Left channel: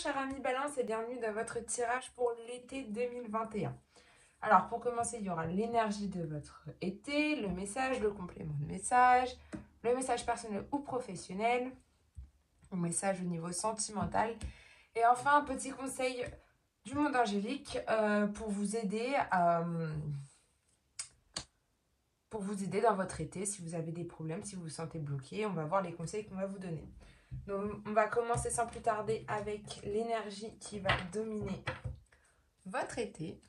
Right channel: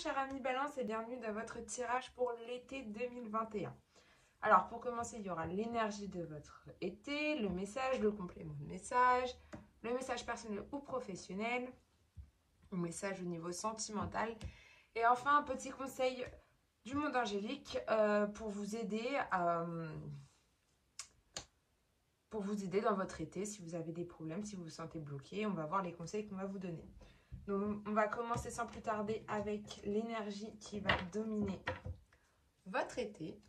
cher ami Balance et bienvenue dans votre tirage pour l'été 2021. Alors pour commencer, il y aura l'énergie de votre été, le message, le complément de message, le message personnel ou professionnel, le message au niveau sentimental et enfin un petit conseil du monde angélique pour vous aider dans votre été si vous avez des problèmes, si vous vous sentez bloqué. On va voir les conseils qu'on va vous donner. Donc, on va commencer sans plus tarder avec l'énergie qui va dominer votre été.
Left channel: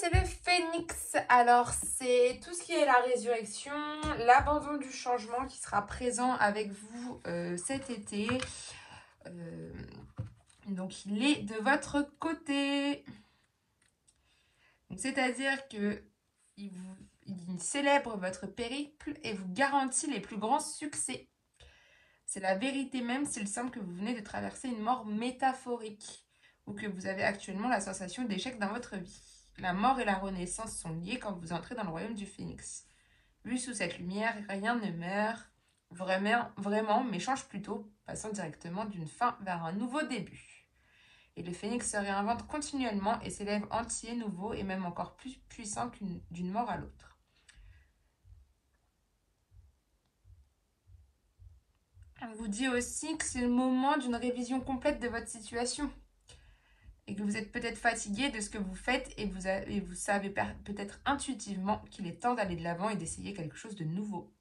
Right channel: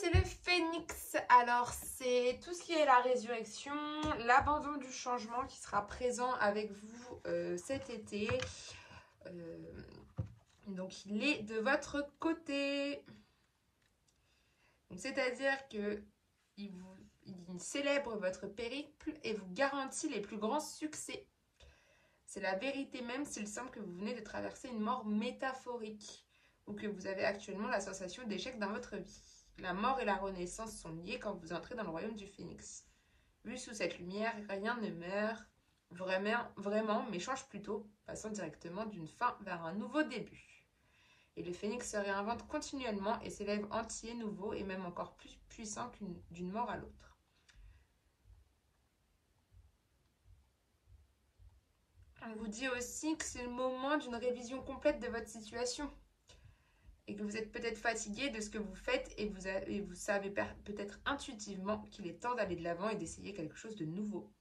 C'est le phénix. Alors c'est tout ce qui est la résurrection, l'abandon du changement qui sera présent avec vous cet été. Donc il est de votre côté. C'est-à-dire que il célèbre votre périple et vous garantit les plus grands succès. C'est la vérité même s'il semble que vous venez de traverser une mort métaphorique ou que vous avez actuellement la sensation d'échec dans votre vie. La mort et la renaissance sont liées quand vous entrez dans le royaume du phénix. Vu sous cette lumière, rien ne meurt vraiment, mais change plutôt, passant directement d'une fin vers un nouveau début. Et le phénix se réinvente continuellement et s'élève entier, nouveau et même encore plus puissant d'une mort à l'autre. On vous dit aussi que c'est le moment d'une révision complète de votre situation. Et que vous êtes peut-être fatigué de ce que vous faites et vous savez peut-être intuitivement qu'il est temps d'aller de l'avant et d'essayer quelque chose de nouveau.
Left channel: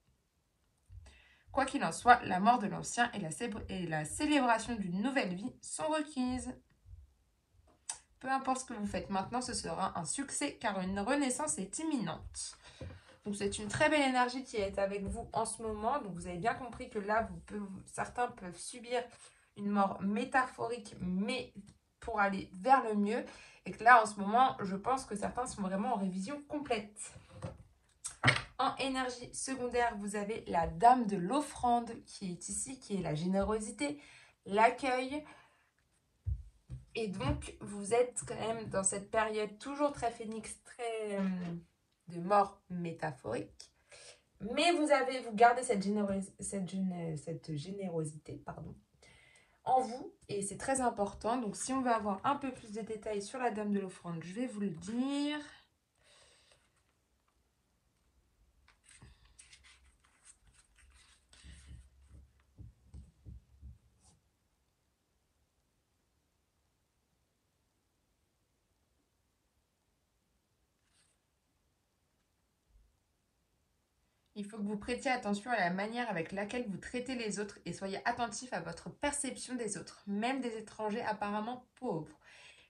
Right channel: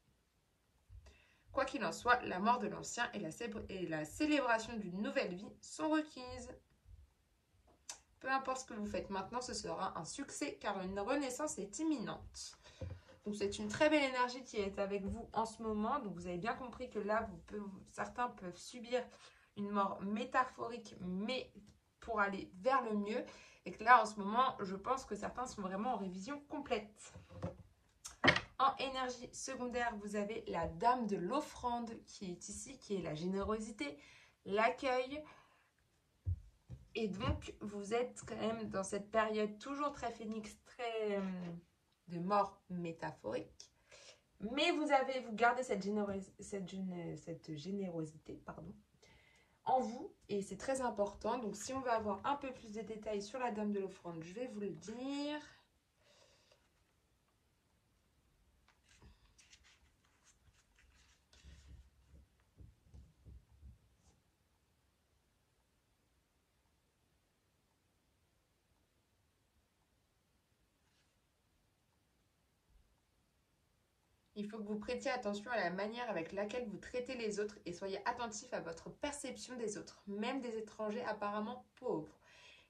Quoi qu'il en soit, la mort de l'ancien et la célébration d'une nouvelle vie sont requises. Peu importe ce que vous faites maintenant, ce sera un succès car une renaissance est imminente. Donc c'est une très belle énergie qui est avec vous en ce moment. Donc vous avez bien compris que là, certains peuvent subir une mort métaphorique, mais pour aller vers le mieux. Et que là, en ce moment, je pense que certains sont vraiment en révision complète. En énergie secondaire, vous avez la dame de l'offrande qui est ici, qui est la générosité, l'accueil. Et donc, vous êtes quand même dans cette période toujours très phénix, très de mort métaphorique. Mais vous gardez cette générosité, en vous, et c'est très important. Donc si on veut avoir un peu plus de détails sur la dame de l'offrande, je vais vous le dire. Il faut que vous prêtiez attention à la manière avec laquelle vous traitez les autres et soyez attentif à votre perception des autres, même des étrangers apparemment pauvres.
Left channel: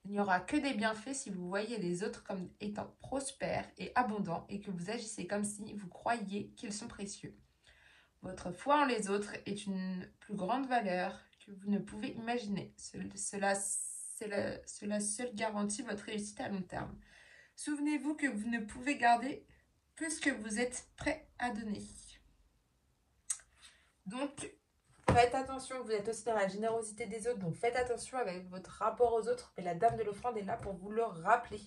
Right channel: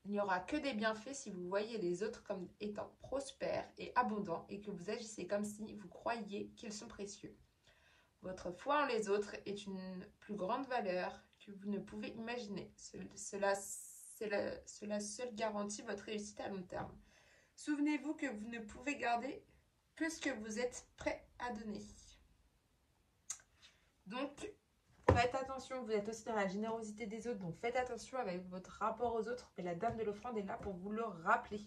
Il n'y aura que des bienfaits si vous voyez les autres comme étant prospères et abondants et que vous agissez comme si vous croyiez qu'ils sont précieux. Votre foi en les autres est une plus grande valeur que vous ne pouvez imaginer. Cela seul garantit votre réussite à long terme. Souvenez-vous que vous ne pouvez garder que ce que vous êtes prêt à donner. Donc, faites attention, vous êtes aussi dans la générosité des autres, donc faites attention avec votre rapport aux autres. Et la dame de l'offrande est là pour vous le rappeler.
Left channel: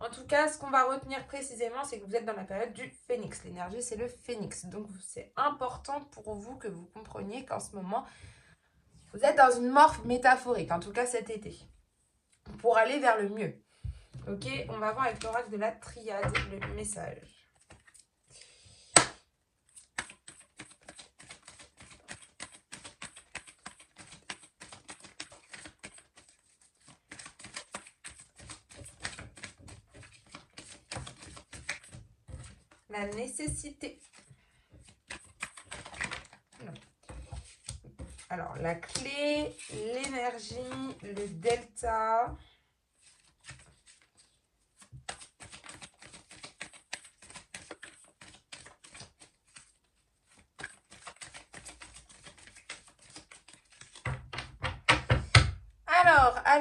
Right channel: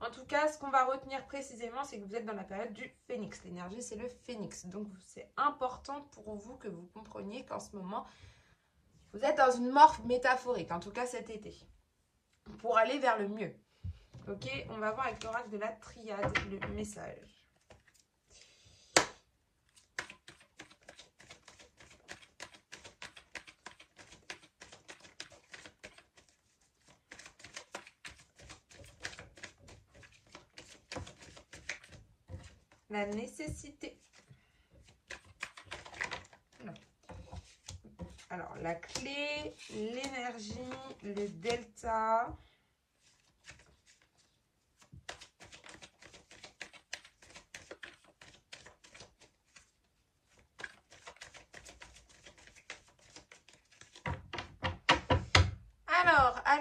En tout cas, ce qu'on va retenir précisément, c'est que vous êtes dans la période du phénix. L'énergie, c'est le phénix. Donc, c'est important pour vous que vous compreniez qu'en ce moment, vous êtes dans une mort métaphorique, en tout cas cet été, pour aller vers le mieux. Ok, on va voir avec l'oracle de la triade le message. La nécessité. Non. Alors, la clé, l'énergie, le delta.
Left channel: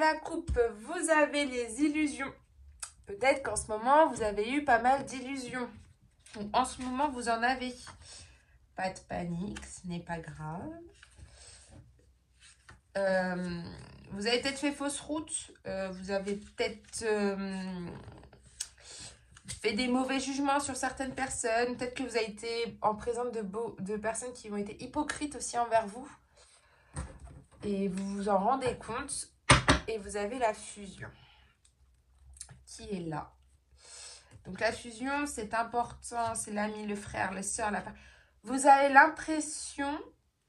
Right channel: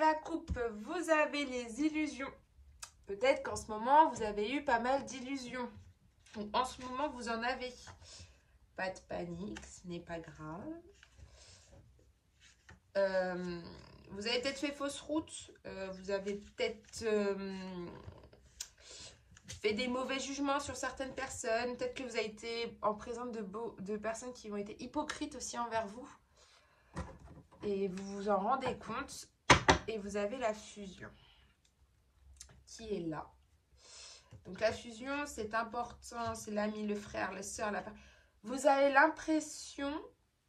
à la coupe, vous avez les illusions. Peut-être qu'en ce moment, vous avez eu pas mal d'illusions. En ce moment, vous en avez. Pas de panique, ce n'est pas grave. Vous avez peut-être fait fausse route. Vous avez peut-être fait des mauvais jugements sur certaines personnes. Peut-être que vous avez été en présence de personnes qui ont été hypocrites aussi envers vous. Et vous vous en rendez compte. Et vous avez la fusion qui est là. Donc la fusion, c'est important. C'est l'ami, le frère, la soeur. Vous avez l'impression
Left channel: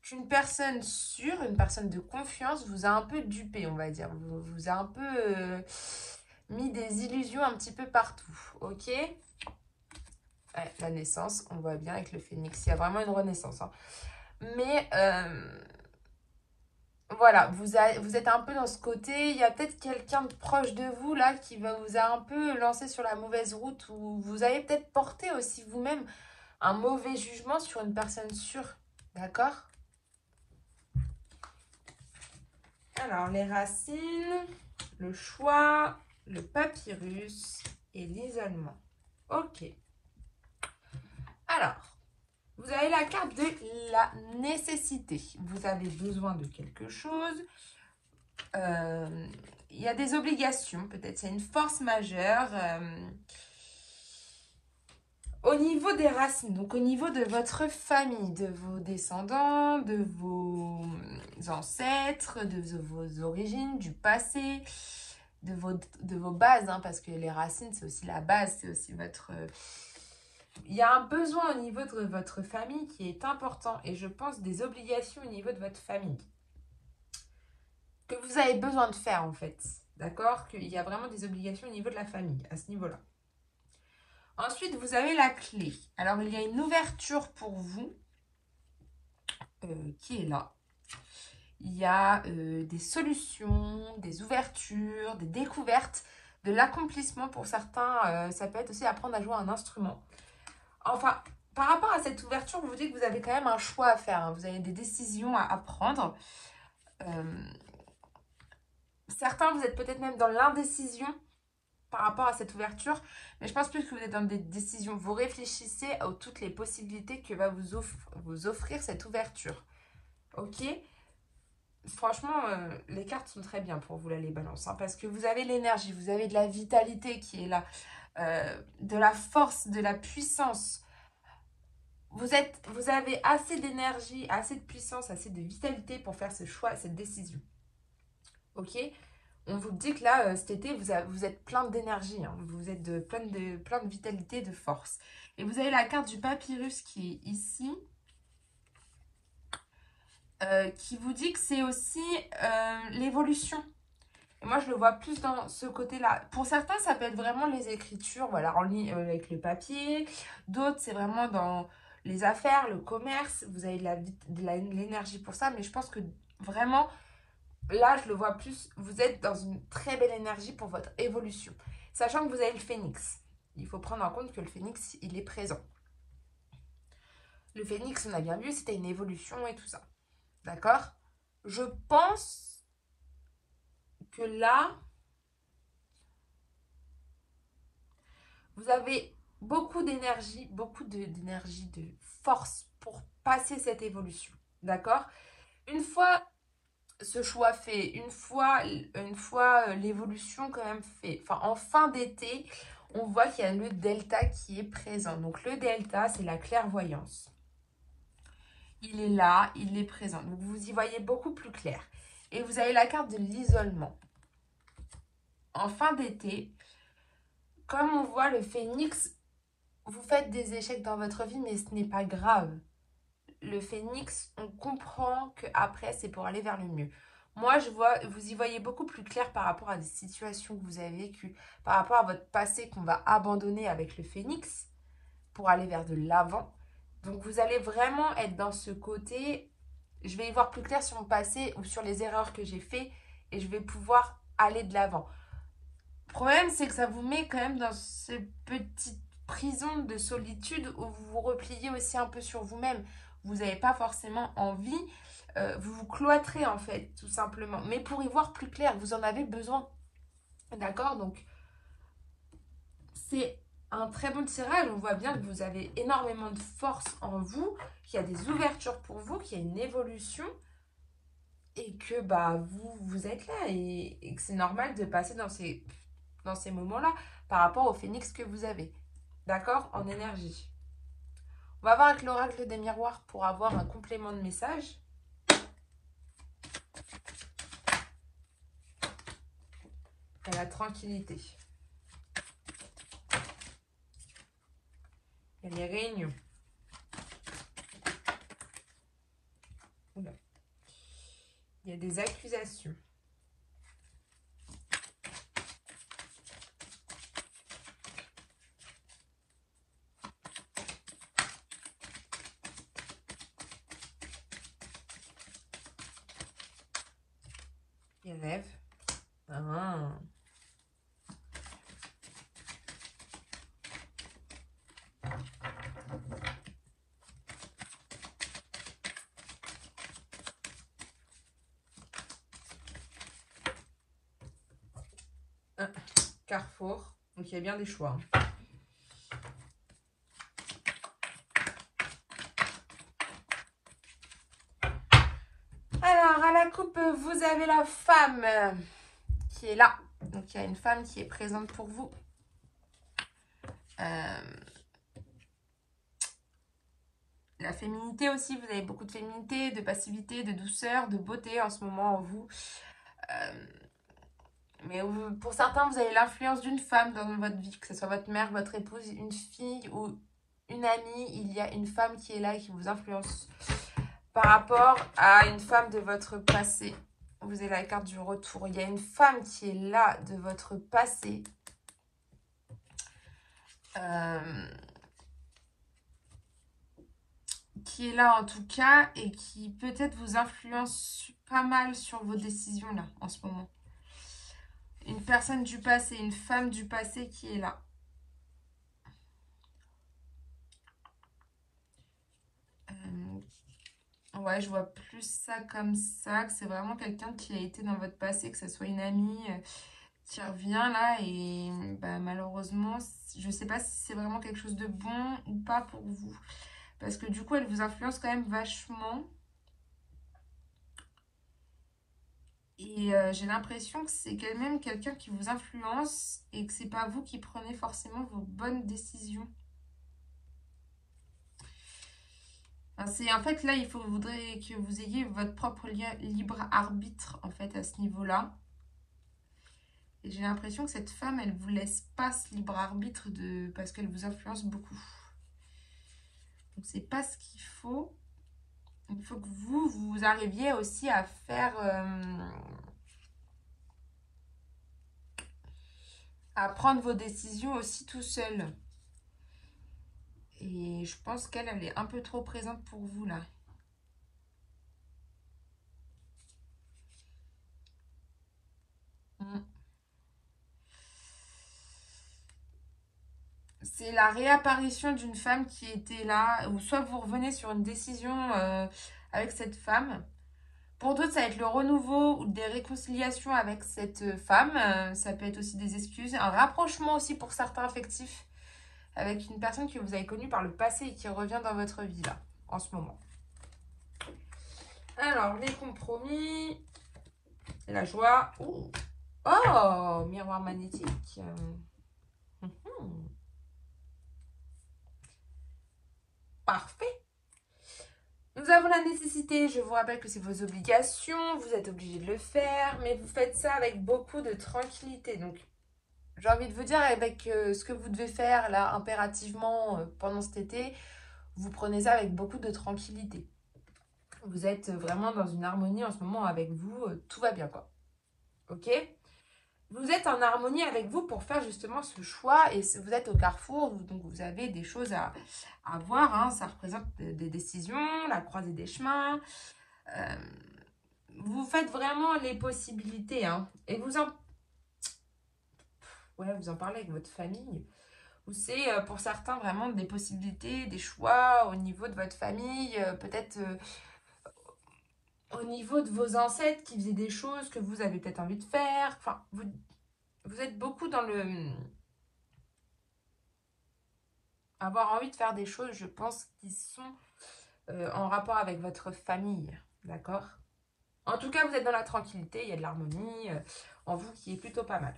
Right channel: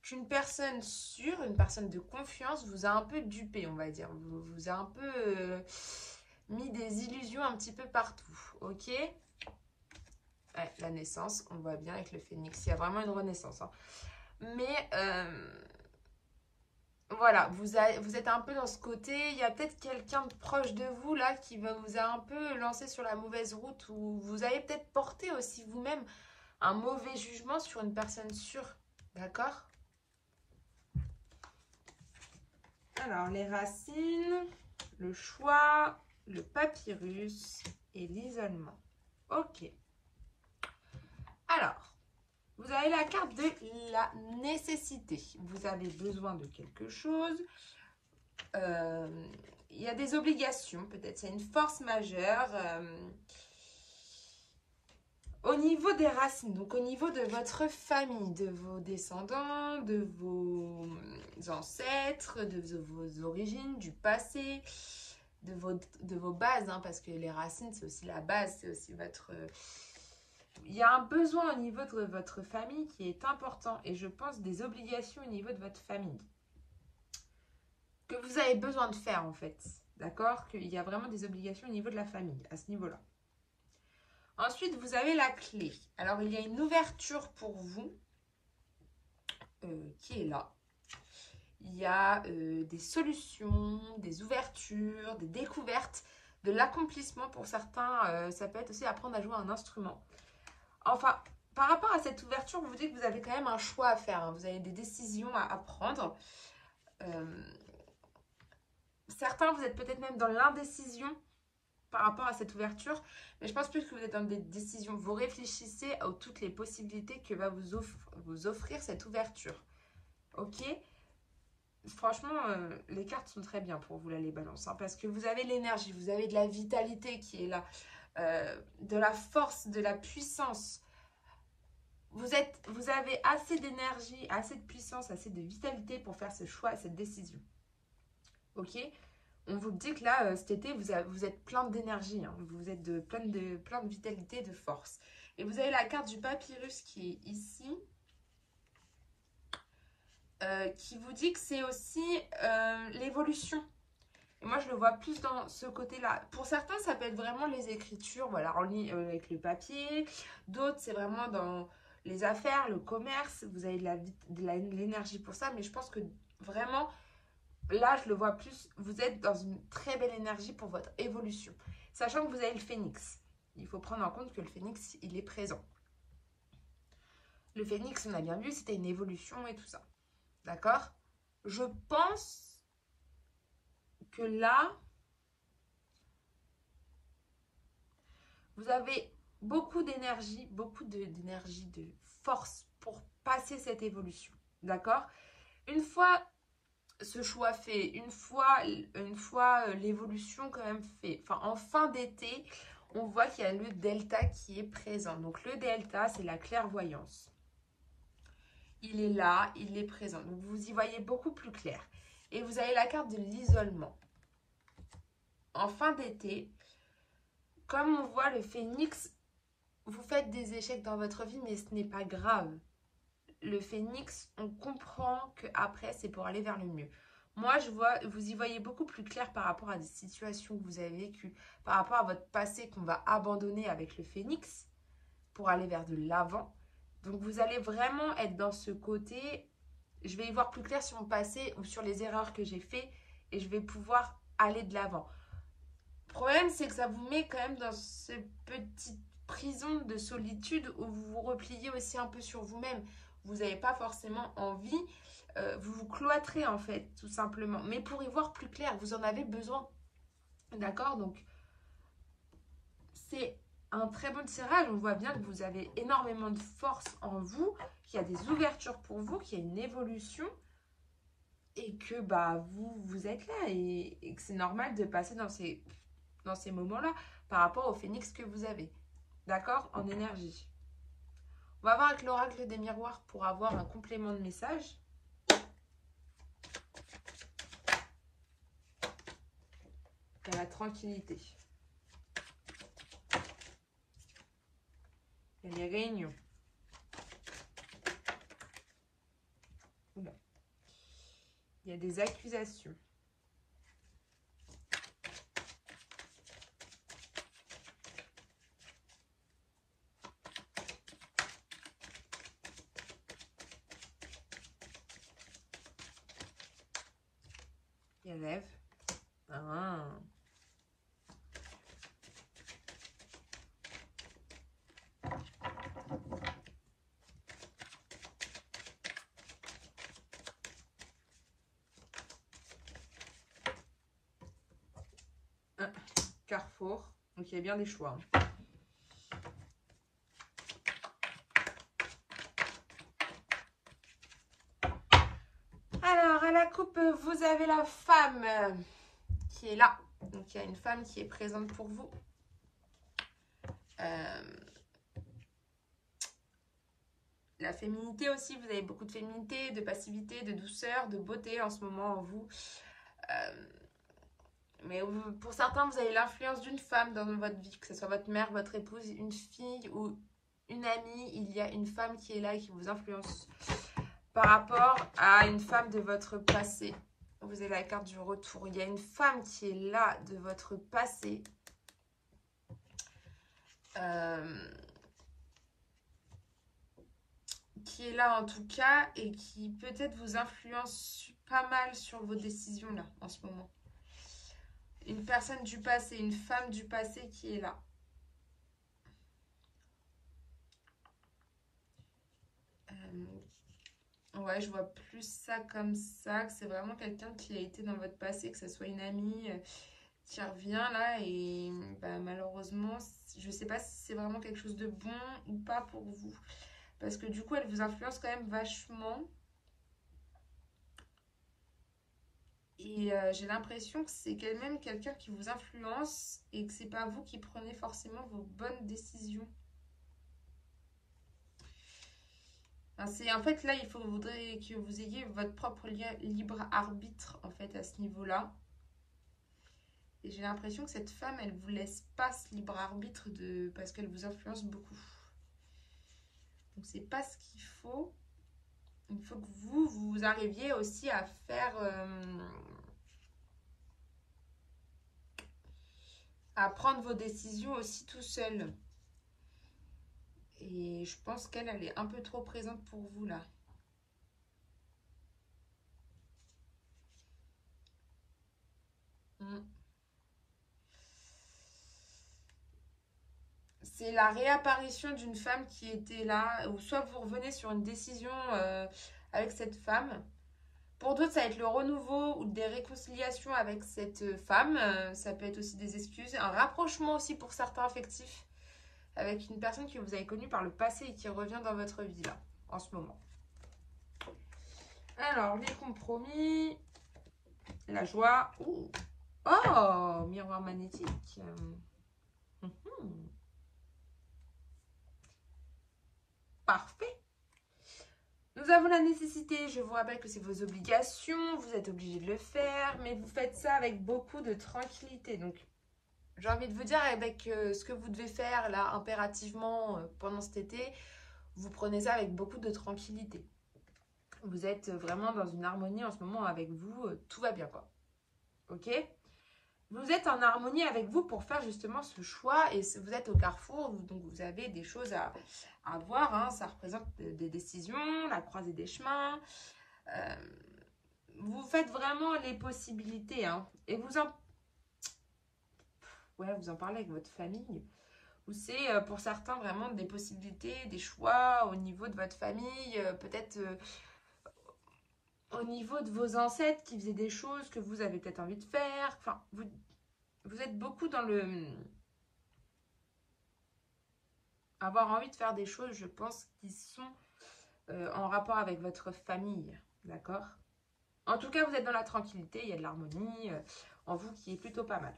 qu'une personne sûre, une personne de confiance, vous a un peu dupé, on va dire. Vous a un peu mis des illusions un petit peu partout. Ok? Ouais, la naissance, on voit bien avec le phénix. Il y a vraiment une renaissance. Hein. Mais voilà, vous êtes un peu dans ce côté. Il y a peut-être quelqu'un de proche de vous là qui vous a un peu lancé sur la mauvaise route, ou vous avez peut-être porté aussi vous-même un mauvais jugement sur une personne sûre. D'accord? Alors, les racines, le choix, le papyrus et l'isolement. Ok. Alors, vous avez la carte de la nécessité. Vous avez besoin de quelque chose. Il y a des obligations. Peut-être c'est une force majeure. Au niveau des racines, donc au niveau de votre famille, de vos descendants, de vos ancêtres, de vos origines, du passé, de vos bases, hein, parce que les racines, c'est aussi la base, c'est aussi votre... Il y a un besoin au niveau de votre famille qui est important, et je pense des obligations au niveau de votre famille que vous avez besoin de faire en fait, d'accord? Qu'il y a vraiment des obligations au niveau de la famille, à ce niveau-là. Ensuite, vous avez la clé. Alors, il y a une ouverture pour vous qui est là. Il y a des solutions, des ouvertures, des découvertes, de l'accomplissement pour certains. Ça peut être aussi apprendre à jouer un instrument. Enfin, par rapport à cette ouverture, vous vous dites que vous avez quand même un choix à faire. Hein. Vous avez des décisions à prendre. Certains, vous êtes peut-être même dans l'indécision par rapport à cette ouverture, mais je pense plus que vous êtes dans des décisions. Vous réfléchissez à toutes les possibilités que va vous offrir cette ouverture. Ok? Franchement, les cartes sont très bien pour vous, là, les balances, hein, parce que vous avez l'énergie, vous avez de la vitalité qui est là, de la force, de la puissance. Vous avez assez d'énergie, assez de puissance, assez de vitalité pour faire ce choix, cette décision. Ok? On vous dit que là, cet été, vous êtes plein d'énergie, hein. Vous êtes plein de vitalité, de force. Et vous avez la carte du papyrus qui est ici, qui vous dit que c'est aussi l'évolution. Et moi, je le vois plus dans ce côté-là. Pour certains, ça peut être vraiment les écritures, voilà, en ligne avec le papier. D'autres, c'est vraiment dans les affaires, le commerce. Vous avez de l'énergie pour ça, mais je pense que vraiment... Là, je le vois plus, vous êtes dans une très belle énergie pour votre évolution. Sachant que vous avez le phénix. Il faut prendre en compte que le phénix, il est présent. Le phénix, on a bien vu, c'était une évolution et tout ça. D'accord? Je pense que là, vous avez beaucoup d'énergie, de force pour passer cette évolution. D'accord? Une fois... ce choix fait, une fois l'évolution quand même fait, enfin en fin d'été, on voit qu'il y a le delta qui est présent. Donc le delta, c'est la clairvoyance. Il est là, il est présent. Donc vous y voyez beaucoup plus clair. Et vous avez la carte de l'isolement. En fin d'été, comme on voit le phénix, vous faites des échecs dans votre vie, mais ce n'est pas grave. Le phénix, on comprend qu'après, c'est pour aller vers le mieux. Moi, je vois, vous y voyez beaucoup plus clair par rapport à des situations que vous avez vécues, par rapport à votre passé qu'on va abandonner avec le phénix pour aller vers de l'avant. Donc, vous allez vraiment être dans ce côté, je vais y voir plus clair sur mon passé ou sur les erreurs que j'ai faites et je vais pouvoir aller de l'avant. Le problème, c'est que ça vous met quand même dans cette petite prison de solitude où vous vous repliez aussi un peu sur vous-même. vous n'avez pas forcément envie, vous vous cloîtrez en fait, tout simplement. Mais pour y voir plus clair, vous en avez besoin. D'accord? Donc, c'est un très bon tirage. On voit bien que vous avez énormément de force en vous, qu'il y a des ouvertures pour vous, qu'il y a une évolution et que bah, vous êtes là et que c'est normal de passer dans ces moments-là par rapport au phénix que vous avez. D'accord? En énergie. On va voir avec l'oracle des miroirs pour avoir un complément de message. Et la tranquillité. Il y a les réunions. Oula. Il y a des accusations. Les rêves. Ah. Carrefour. Donc il y a bien des choix. Alors, à la coupe, vous avez la femme qui est là. Donc, il y a une femme qui est présente pour vous. La féminité aussi, vous avez beaucoup de féminité, de passivité, de douceur, de beauté en ce moment en vous. Mais pour certains, vous avez l'influence d'une femme dans votre vie, que ce soit votre mère, votre épouse, une fille ou une amie. Il y a une femme qui est là et qui vous influence par rapport à une femme de votre passé. Vous avez la carte du retour. Il y a une femme qui est là de votre passé. Qui est là en tout cas et qui peut-être vous influence pas mal sur vos décisions là en ce moment. Une personne du passé, une femme du passé qui est là. Ouais, je vois plus ça comme ça, que c'est vraiment quelqu'un qui a été dans votre passé, que ce soit une amie qui revient là et bah, malheureusement, je sais pas si c'est vraiment quelque chose de bon ou pas pour vous. Parce que du coup, elle vous influence quand même vachement. Et j'ai l'impression que c'est quand même quelqu'un qui vous influence et que c'est pas vous qui prenez forcément vos bonnes décisions. C'est en fait là, il faudrait que vous ayez votre propre libre arbitre en fait à ce niveau-là. Et j'ai l'impression que cette femme, elle vous laisse pas ce libre arbitre parce qu'elle vous influence beaucoup. Donc c'est pas ce qu'il faut. Il faut que vous arriviez aussi à faire, à prendre vos décisions aussi tout seul. Et je pense qu'elle est un peu trop présente pour vous là. C'est la réapparition d'une femme qui était là, ou soit vous revenez sur une décision avec cette femme. Pour d'autres, ça va être le renouveau ou des réconciliations avec cette femme. Ça peut être aussi des excuses, un rapprochement aussi pour certains affectifs avec une personne que vous avez connue par le passé et qui revient dans votre vie là, en ce moment. Alors, les compromis, la joie. Oh, miroir magnétique. Parfait. Nous avons la nécessité, je vous rappelle que c'est vos obligations, vous êtes obligé de le faire, mais vous faites ça avec beaucoup de tranquillité. Donc, j'ai envie de vous dire, avec ce que vous devez faire là, impérativement, pendant cet été, vous prenez ça avec beaucoup de tranquillité. Vous êtes vraiment dans une harmonie en ce moment avec vous, tout va bien quoi. Ok ? Vous êtes en harmonie avec vous pour faire justement ce choix et vous êtes au carrefour, donc vous avez des choses à voir, hein. Ça représente des décisions, la croisée des chemins. Vous faites vraiment les possibilités, hein. Et vous en parlez avec votre famille. ou c'est pour certains vraiment des possibilités, des choix au niveau de votre famille, peut-être au niveau de vos ancêtres qui faisaient des choses que vous avez peut-être envie de faire. Enfin, vous êtes beaucoup dans le... avoir envie de faire des choses, je pense, qui sont en rapport avec votre famille, d'accord? En tout cas, vous êtes dans la tranquillité, il y a de l'harmonie en vous qui est plutôt pas mal.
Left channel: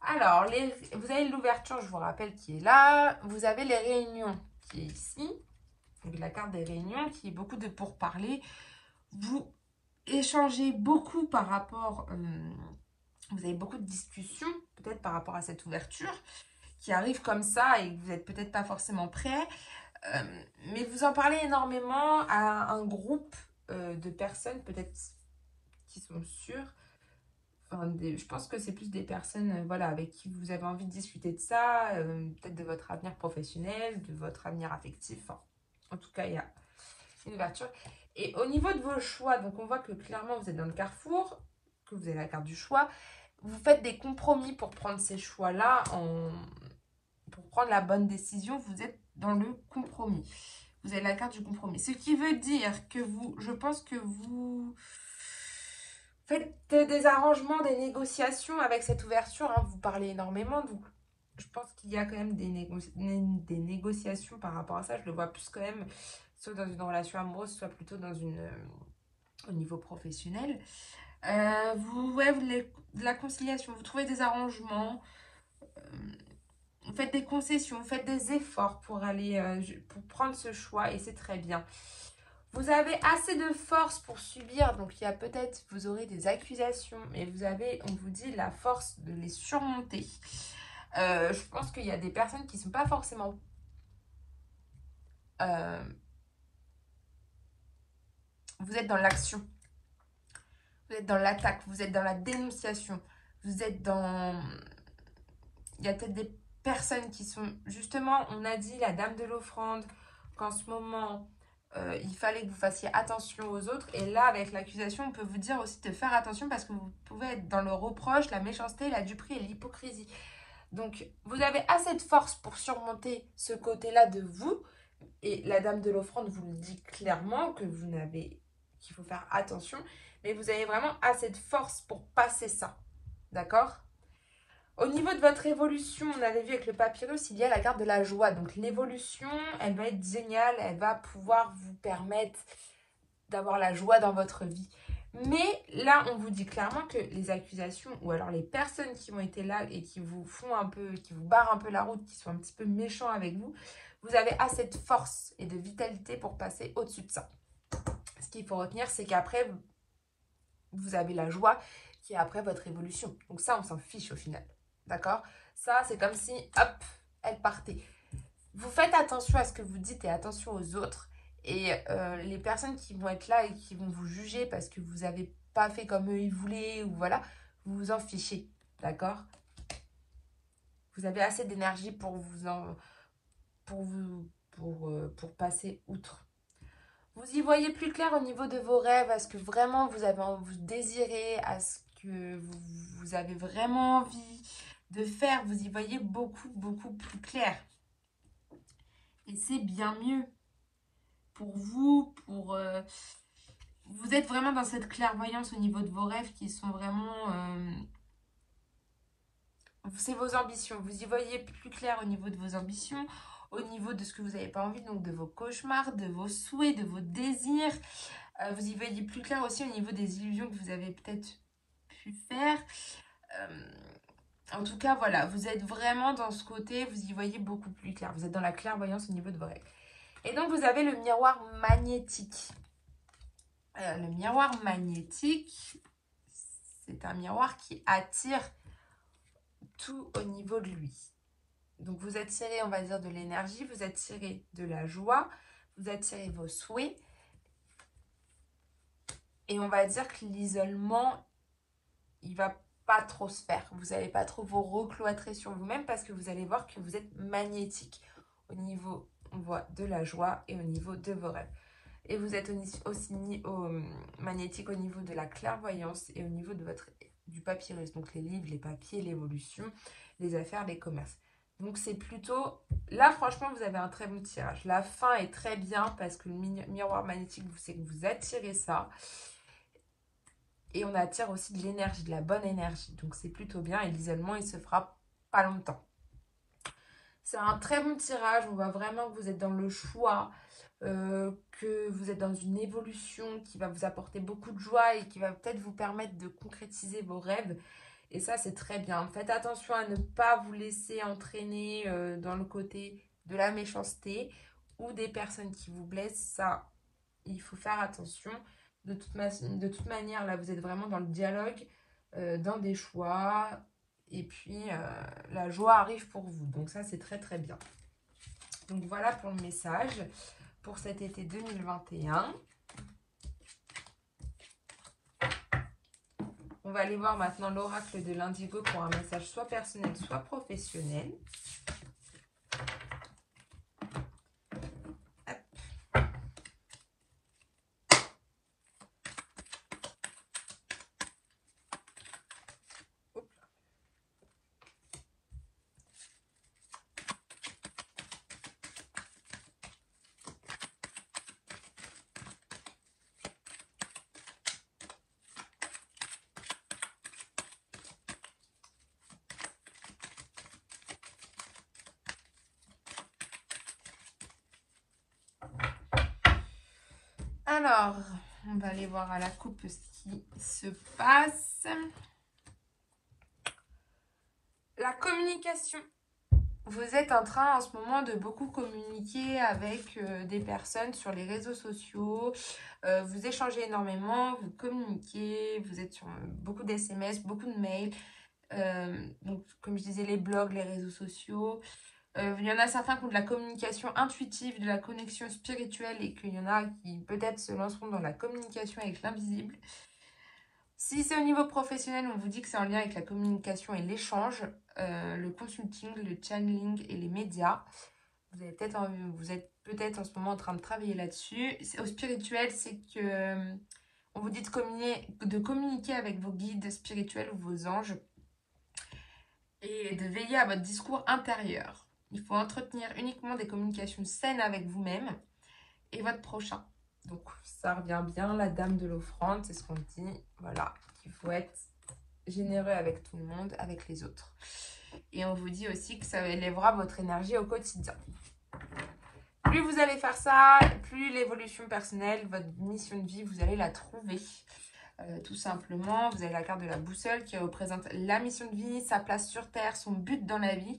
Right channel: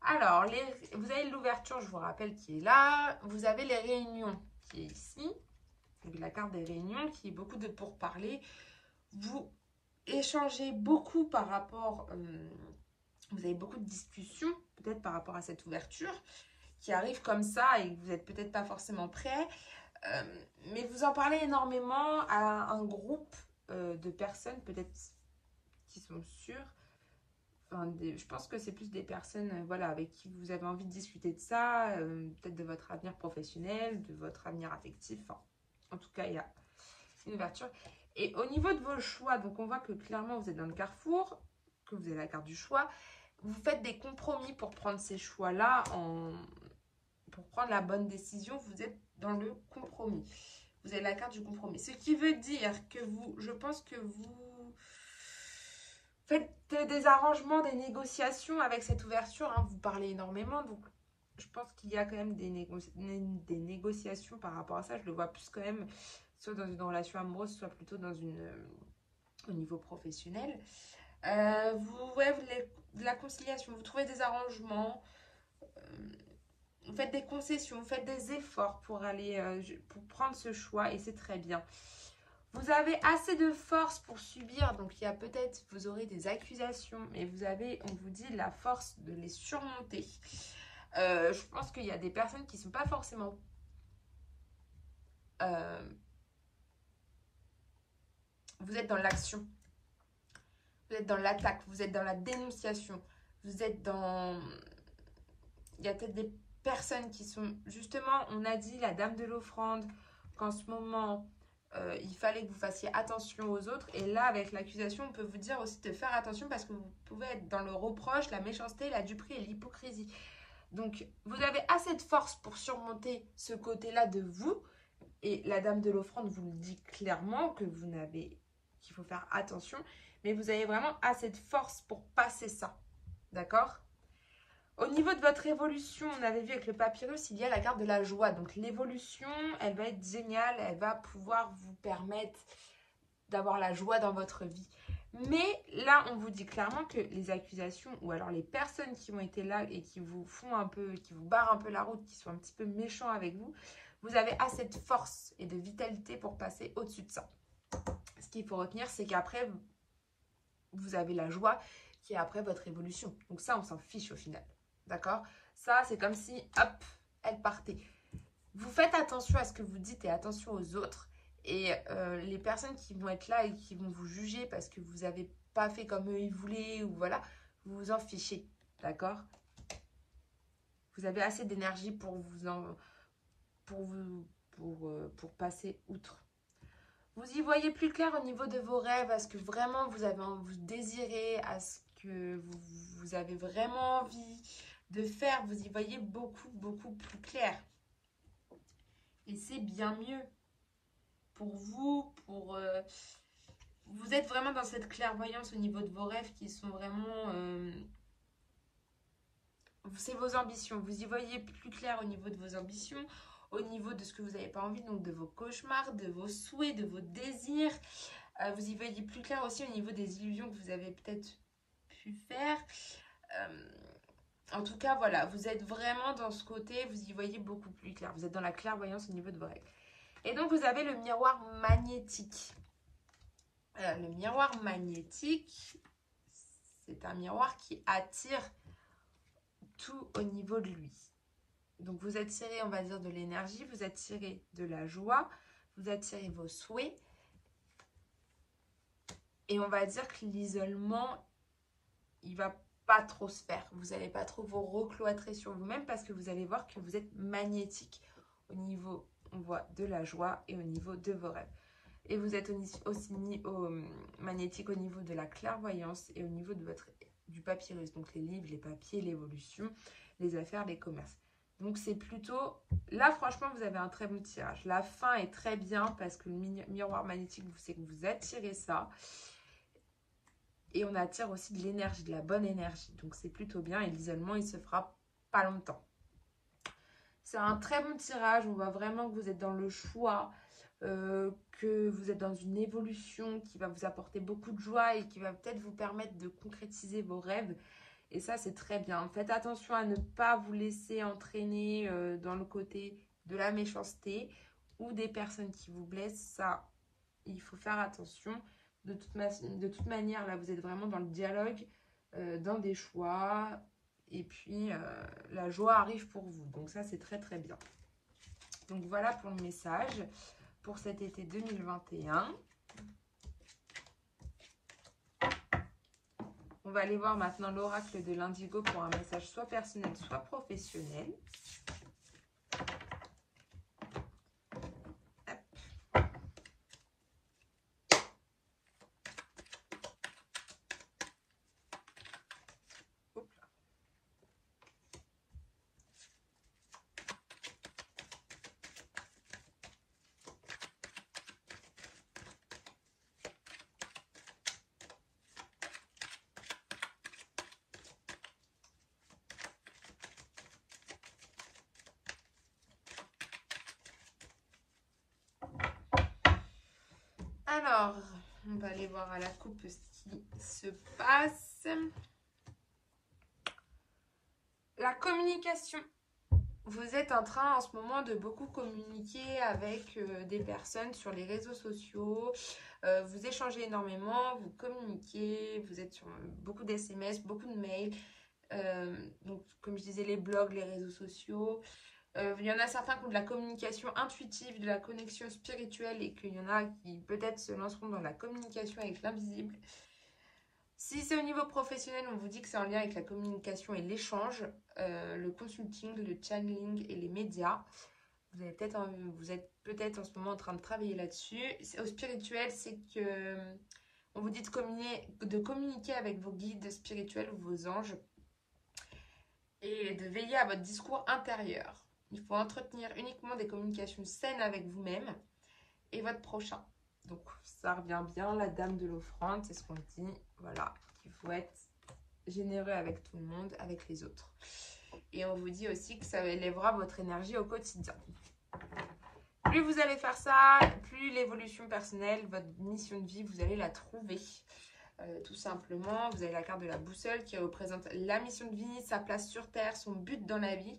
Alors, vous avez l'ouverture, je vous rappelle, qui est là. Vous avez les réunions qui est ici. Donc, la carte des réunions qui est beaucoup de pourparlers. Vous échangez beaucoup par rapport... vous avez beaucoup de discussions, peut-être par rapport à cette ouverture, qui arrive comme ça et que vous n'êtes peut-être pas forcément prêt. Mais vous en parlez énormément à un groupe de personnes, peut-être qui sont sûres. Enfin, je pense que c'est plus des personnes voilà, avec qui vous avez envie de discuter de ça, peut-être de votre avenir professionnel, de votre avenir affectif. Enfin, en tout cas, il y a une ouverture. Et au niveau de vos choix, donc on voit que clairement vous êtes dans le carrefour, que vous avez la carte du choix. Vous faites des compromis pour prendre ces choix-là, pour prendre la bonne décision. Vous êtes dans le compromis. Vous avez la carte du compromis. Ce qui veut dire que je pense que vous faites des arrangements, des négociations avec cette ouverture. Hein. Vous parlez énormément, donc je pense qu'il y a quand même des négociations par rapport à ça. Je le vois plus quand même, soit dans une relation amoureuse, soit plutôt dans au niveau professionnel. Ouais, vous voulez de la conciliation, vous trouvez des arrangements, vous faites des concessions, vous faites des efforts pour aller, pour prendre ce choix et c'est très bien. Vous avez assez de force pour subir, donc il y a peut-être, vous aurez des accusations, mais vous avez, on vous dit, la force de les surmonter. Je pense qu'il y a des personnes qui ne sont pas forcément... vous êtes dans l'action, vous êtes dans l'attaque, vous êtes dans la dénonciation, vous êtes dans... Il y a peut-être des personnes qui sont... Justement, on a dit, la dame de l'offrande, qu'en ce moment... il fallait que vous fassiez attention aux autres. Et là, avec l'accusation, on peut vous dire aussi de faire attention parce que vous pouvez être dans le reproche, la méchanceté, la duperie et l'hypocrisie. Donc, vous avez assez de force pour surmonter ce côté-là de vous. Et la dame de l'offrande vous le dit clairement qu'il faut faire attention. Mais vous avez vraiment assez de force pour passer ça. D'accord ? Au niveau de votre évolution, on avait vu avec le papyrus, il y a la carte de la joie. Donc l'évolution, elle va être géniale, elle va pouvoir vous permettre d'avoir la joie dans votre vie. Mais là, on vous dit clairement que les accusations, ou alors les personnes qui ont été là et qui vous font un peu, qui vous barrent un peu la route, qui sont un petit peu méchants avec vous, vous avez assez de force et de vitalité pour passer au-dessus de ça. Ce qu'il faut retenir, c'est qu'après, vous avez la joie qui est après votre évolution. Donc ça, on s'en fiche au final. D'accord? Ça, c'est comme si, hop, elle partait. Vous faites attention à ce que vous dites et attention aux autres. Et les personnes qui vont être là et qui vont vous juger parce que vous n'avez pas fait comme eux ils voulaient, ou voilà, vous vous en fichez. D'accord? Vous avez assez d'énergie pour pour passer outre. Vous y voyez plus clair au niveau de vos rêves, à ce que vraiment vous désirez, à ce que vous avez vraiment envie de faire. Vous y voyez beaucoup, beaucoup plus clair. Et c'est bien mieux pour vous, vous êtes vraiment dans cette clairvoyance au niveau de vos rêves qui sont vraiment... c'est vos ambitions. Vous y voyez plus clair au niveau de vos ambitions, au niveau de ce que vous n'avez pas envie, donc de vos cauchemars, de vos souhaits, de vos désirs. Vous y voyez plus clair aussi au niveau des illusions que vous avez peut-être pu faire. En tout cas, voilà, vous êtes vraiment dans ce côté, vous y voyez beaucoup plus clair. Vous êtes dans la clairvoyance au niveau de vos rêves. Et donc, vous avez le miroir magnétique. Le miroir magnétique, c'est un miroir qui attire tout au niveau de lui. Donc, vous attirez, on va dire, de l'énergie, vous attirez de la joie, vous attirez vos souhaits. Et on va dire que l'isolement, il va pas trop se faire. Vous n'allez pas trop vous recloîtrer sur vous-même parce que vous allez voir que vous êtes magnétique au niveau, on voit, de la joie et au niveau de vos rêves. Et vous êtes aussi magnétique au niveau de la clairvoyance et au niveau de du papyrus. Donc les livres, les papiers, l'évolution, les affaires, les commerces. Donc c'est plutôt... Là, franchement, vous avez un très bon tirage. La fin est très bien parce que le miroir magnétique, c'est que vous attirez ça. Et on attire aussi de l'énergie, de la bonne énergie. Donc c'est plutôt bien. Et l'isolement, il se fera pas longtemps. C'est un très bon tirage. On voit vraiment que vous êtes dans le choix, que vous êtes dans une évolution qui va vous apporter beaucoup de joie et qui va peut-être vous permettre de concrétiser vos rêves. Et ça, c'est très bien. Faites attention à ne pas vous laisser entraîner dans le côté de la méchanceté ou des personnes qui vous blessent. Ça, il faut faire attention. De toute manière, là, vous êtes vraiment dans le dialogue, dans des choix. Et puis, la joie arrive pour vous. Donc ça, c'est très, très bien. Donc voilà pour le message pour cet été 2021. On va aller voir maintenant l'oracle de l'Indigo pour un message soit personnel, soit professionnel. Alors, on va aller voir à la coupe ce qui se passe. La communication. Vous êtes en train en ce moment de beaucoup communiquer avec des personnes sur les réseaux sociaux. Vous échangez énormément, vous communiquez, vous êtes sur beaucoup d'SMS, beaucoup de mails. Donc, comme je disais, les blogs, les réseaux sociaux. Il y en a certains qui ont de la communication intuitive, de la connexion spirituelle et qu'il y en a qui peut-être se lanceront dans la communication avec l'invisible. Si c'est au niveau professionnel, on vous dit que c'est en lien avec la communication et l'échange, le consulting, le channeling et les médias. Vous êtes peut-être en ce moment en train de travailler là-dessus. Au spirituel, c'est que on vous dit de communiquer avec vos guides spirituels ou vos anges et de veiller à votre discours intérieur. Il faut entretenir uniquement des communications saines avec vous-même et votre prochain. Donc, ça revient bien, la dame de l'offrande, c'est ce qu'on dit. Voilà, qu'il faut être généreux avec tout le monde, avec les autres. Et on vous dit aussi que ça élèvera votre énergie au quotidien. Plus vous allez faire ça, plus l'évolution personnelle, votre mission de vie, vous allez la trouver. Tout simplement, vous avez la carte de la boussole qui représente la mission de vie, sa place sur Terre, son but dans la vie.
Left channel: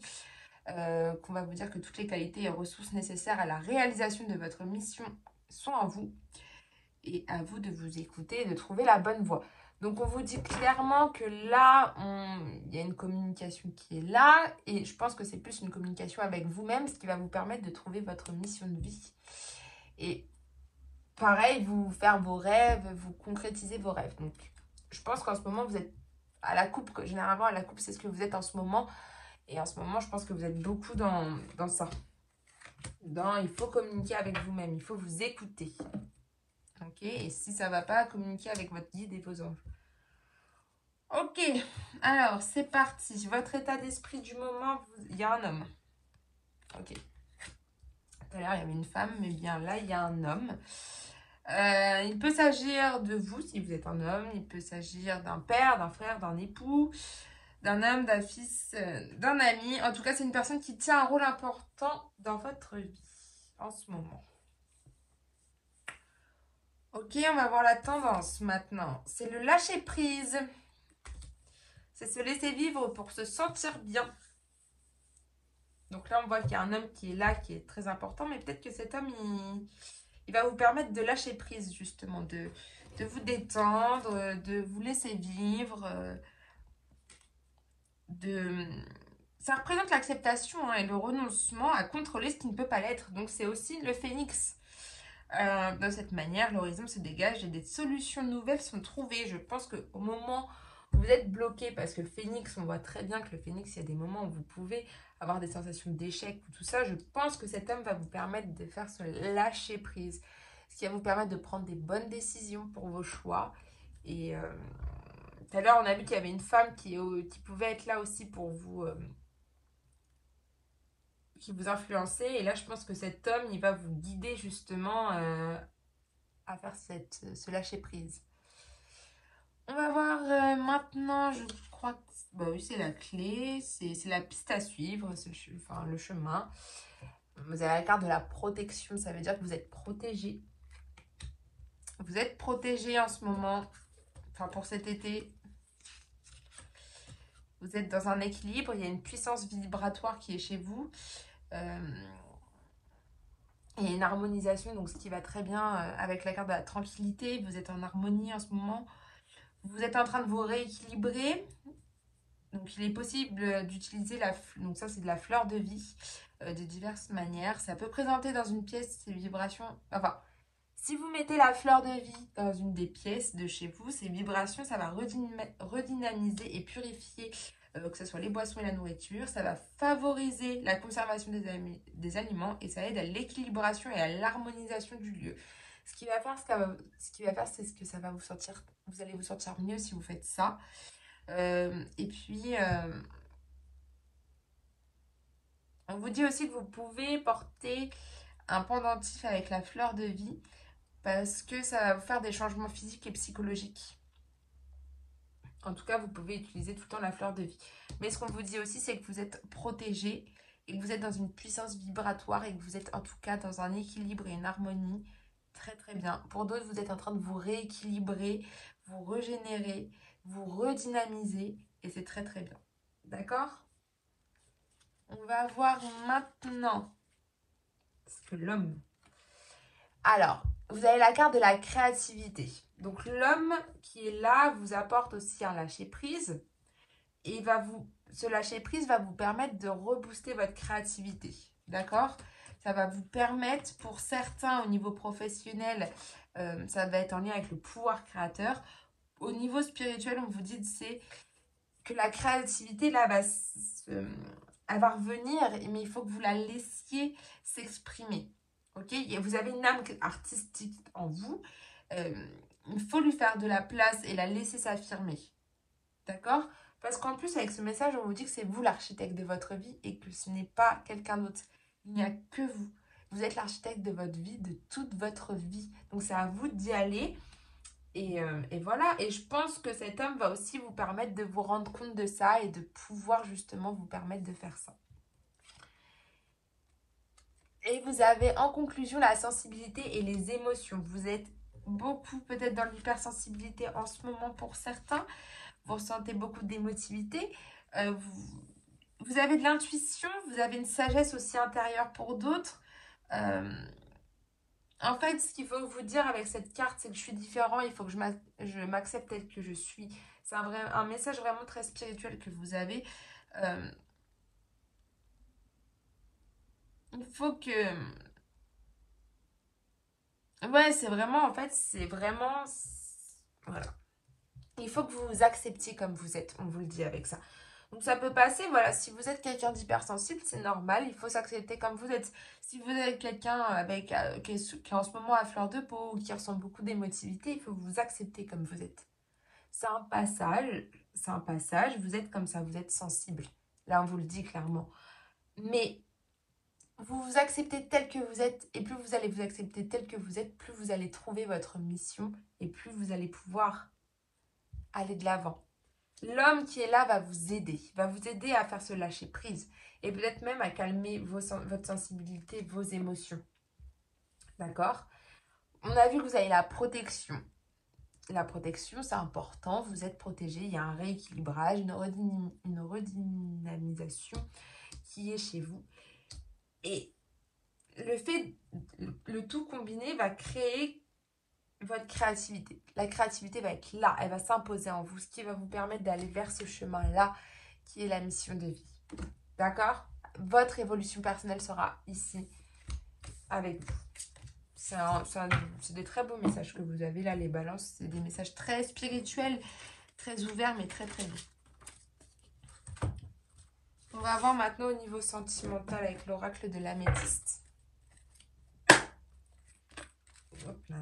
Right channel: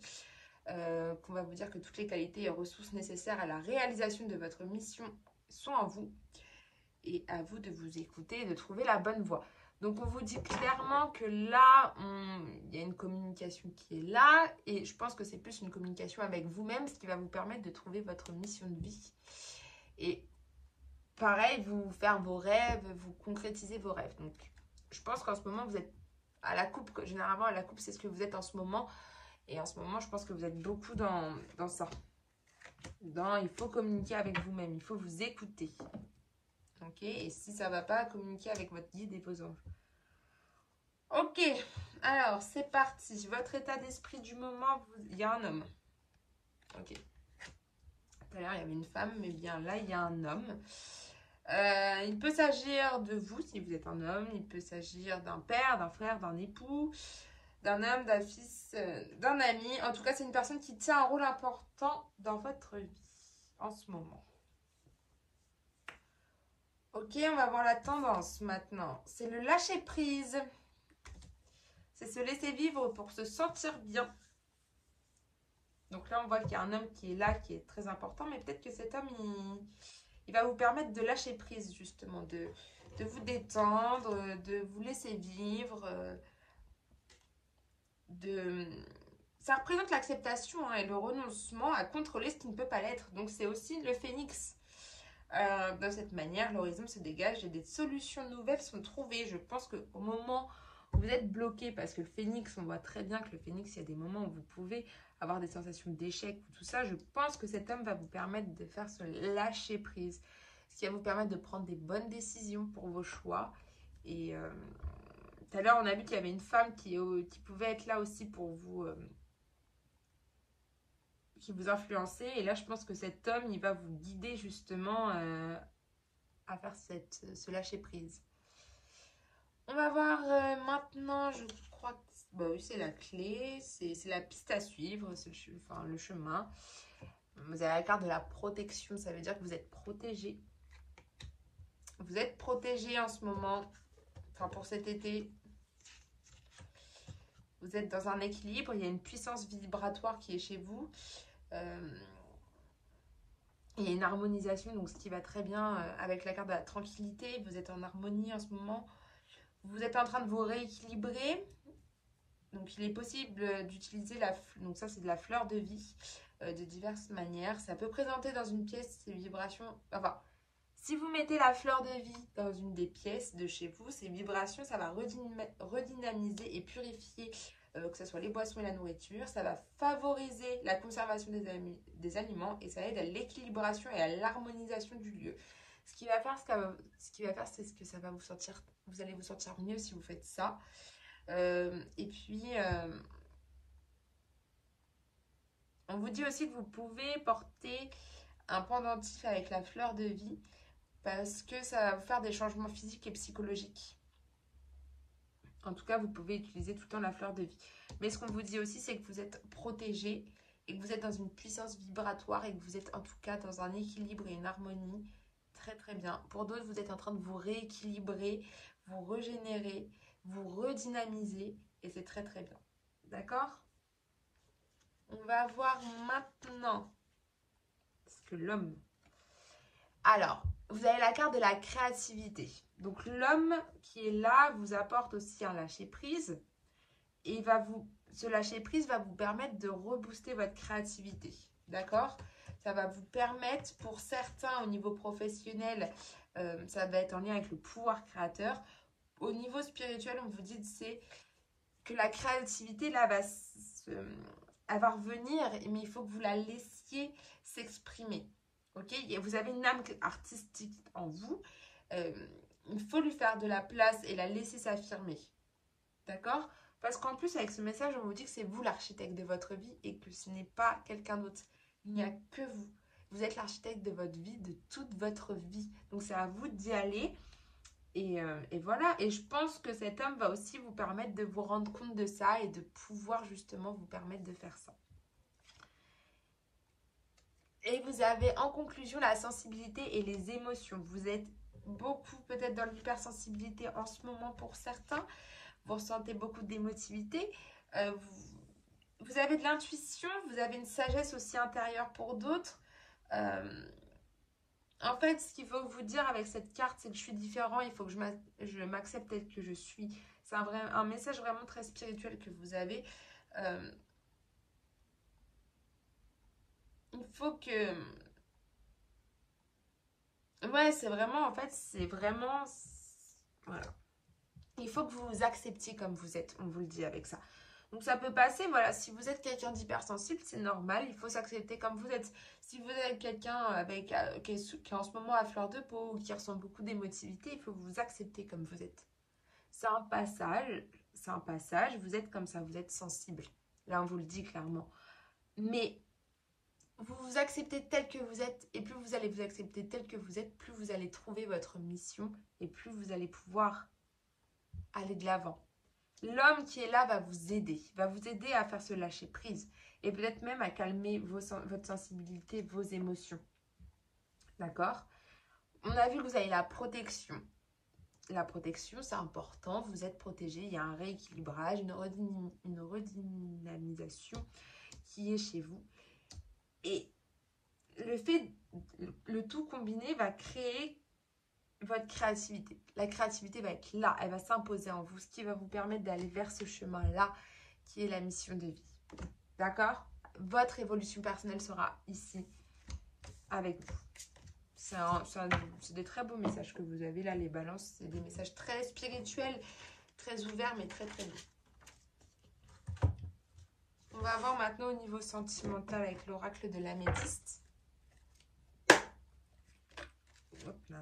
Qu'on va vous dire que toutes les qualités et ressources nécessaires à la réalisation de votre mission sont en vous. Et à vous de vous écouter et de trouver la bonne voie. Donc, on vous dit clairement que là, il y a une communication qui est là. Et je pense que c'est plus une communication avec vous-même, ce qui va vous permettre de trouver votre mission de vie. Et pareil, vous faire vos rêves, vous concrétiser vos rêves. Donc, je pense qu'en ce moment, vous êtes à la coupe. Généralement, à la coupe, c'est ce que vous êtes en ce moment. Et en ce moment, je pense que vous êtes beaucoup dans ça. Il faut communiquer avec vous-même. Il faut vous écouter. Ok, et si ça ne va pas, communiquer avec votre guide et vos anges. Ok, alors c'est parti. Votre état d'esprit du moment, il y a un homme. Ok. Tout à l'heure, il y avait une femme, mais bien là, il y a un homme. Il peut s'agir de vous, si vous êtes un homme. Il peut s'agir d'un père, d'un frère, d'un époux, d'un homme, d'un fils, d'un ami. En tout cas, c'est une personne qui tient un rôle important dans votre vie en ce moment. Ok, on va voir la tendance maintenant. C'est le lâcher prise. C'est se laisser vivre pour se sentir bien. Donc là, on voit qu'il y a un homme qui est là, qui est très important. Mais peut-être que cet homme, il va vous permettre de lâcher prise, justement. De vous détendre, de vous laisser vivre. Ça représente l'acceptation et le renoncement à contrôler ce qui ne peut pas l'être. Donc c'est aussi le phénix. De cette manière, l'horizon se dégage et des solutions nouvelles sont trouvées. Je pense qu'au moment où vous êtes bloqué, parce que le phénix, on voit très bien que le phénix, il y a des moments où vous pouvez avoir des sensations d'échec ou tout ça. Je pense que cet homme va vous permettre de faire ce lâcher prise. Ce qui va vous permettre de prendre des bonnes décisions pour vos choix. Et tout à l'heure, on a vu qu'il y avait une femme qui pouvait être là aussi pour vous qui vous influencez. Et là, je pense que cet homme, il va vous guider justement à faire ce lâcher-prise. On va voir maintenant, je crois que bah oui, c'est la clé, c'est la piste à suivre, enfin, le chemin. Vous avez la carte de la protection, ça veut dire que vous êtes protégé. Vous êtes protégé en ce moment, enfin pour cet été. Vous êtes dans un équilibre, il y a une puissance vibratoire qui est chez vous. Il y a une harmonisation, donc ce qui va très bien avec la carte de la tranquillité. Vous êtes en harmonie en ce moment. Vous êtes en train de vous rééquilibrer. Donc il est possible d'utiliser donc ça c'est de la fleur de vie de diverses manières. Ça peut présenter dans une pièce ces vibrations. Enfin, si vous mettez la fleur de vie dans une des pièces de chez vous, ces vibrations, ça va redynamiser et purifier que ce soit les boissons et la nourriture. Ça va favoriser la conservation des aliments et ça aide à l'équilibration et à l'harmonisation du lieu. Ce qui va faire, c'est ce que ça va vous sentir. Vous allez vous sentir mieux si vous faites ça. Et puis, on vous dit aussi que vous pouvez porter un pendentif avec la fleur de vie parce que ça va vous faire des changements physiques et psychologiques. En tout cas, vous pouvez utiliser tout le temps la fleur de vie. Mais ce qu'on vous dit aussi, c'est que vous êtes protégé et que vous êtes dans une puissance vibratoire et que vous êtes en tout cas dans un équilibre et une harmonie très très bien. Pour d'autres, vous êtes en train de vous rééquilibrer, vous régénérer, vous redynamiser et c'est très très bien. D'accord? On va voir maintenant ce que l'homme... Alors, vous avez la carte de la créativité. Donc l'homme qui est là vous apporte aussi un lâcher-prise. Et ce lâcher-prise va vous permettre de rebooster votre créativité. D'accord? Ça va vous permettre, pour certains au niveau professionnel, ça va être en lien avec le pouvoir créateur. Au niveau spirituel, on vous dit que la créativité, là, elle va revenir, mais il faut que vous la laissiez s'exprimer. Ok? Et vous avez une âme artistique en vous. Il faut lui faire de la place et la laisser s'affirmer. D'accord? Parce qu'en plus, avec ce message, on vous dit que c'est vous l'architecte de votre vie et que ce n'est pas quelqu'un d'autre. Il n'y a que vous. Vous êtes l'architecte de votre vie, de toute votre vie. Donc, c'est à vous d'y aller. Et voilà. Et je pense que cet homme va aussi vous permettre de vous rendre compte de ça et de pouvoir justement vous permettre de faire ça. Et vous avez en conclusion la sensibilité et les émotions. Vous êtes beaucoup peut-être dans l'hypersensibilité en ce moment pour certains. Vous ressentez beaucoup d'émotivité. Vous avez de l'intuition, vous avez une sagesse aussi intérieure pour d'autres. En fait, ce qu'il faut vous dire avec cette carte, c'est que je suis différent, il faut que je m'accepte tel que je suis. C'est un message vraiment très spirituel que vous avez. Il faut que... Ouais, c'est vraiment, en fait, c'est vraiment... Voilà. Il faut que vous vous acceptiez comme vous êtes, on vous le dit avec ça. Donc ça peut passer, voilà, si vous êtes quelqu'un d'hypersensible, c'est normal, il faut s'accepter comme vous êtes. Si vous êtes quelqu'un qui est en ce moment à fleur de peau ou qui ressent beaucoup d'émotivité, il faut vous accepter comme vous êtes. C'est un passage, vous êtes comme ça, vous êtes sensible. Là, on vous le dit clairement. Mais vous vous acceptez tel que vous êtes, et plus vous allez vous accepter tel que vous êtes, plus vous allez trouver votre mission, et plus vous allez pouvoir aller de l'avant. L'homme qui est là va vous aider à faire ce lâcher prise et peut-être même à calmer votre sensibilité, vos émotions. D'accord? On a vu que vous avez la protection. La protection, c'est important, vous êtes protégé, il y a un rééquilibrage, une redynamisation qui est chez vous. Et le tout combiné va créer votre créativité. La créativité va être là, elle va s'imposer en vous, ce qui va vous permettre d'aller vers ce chemin-là qui est la mission de vie. D'accord? Votre évolution personnelle sera ici avec vous. C'est des très beaux messages que vous avez là, les balances. C'est des messages très spirituels, très ouverts, mais très très beaux. On va voir maintenant au niveau sentimental avec l'oracle de l'améthyste. Hop là.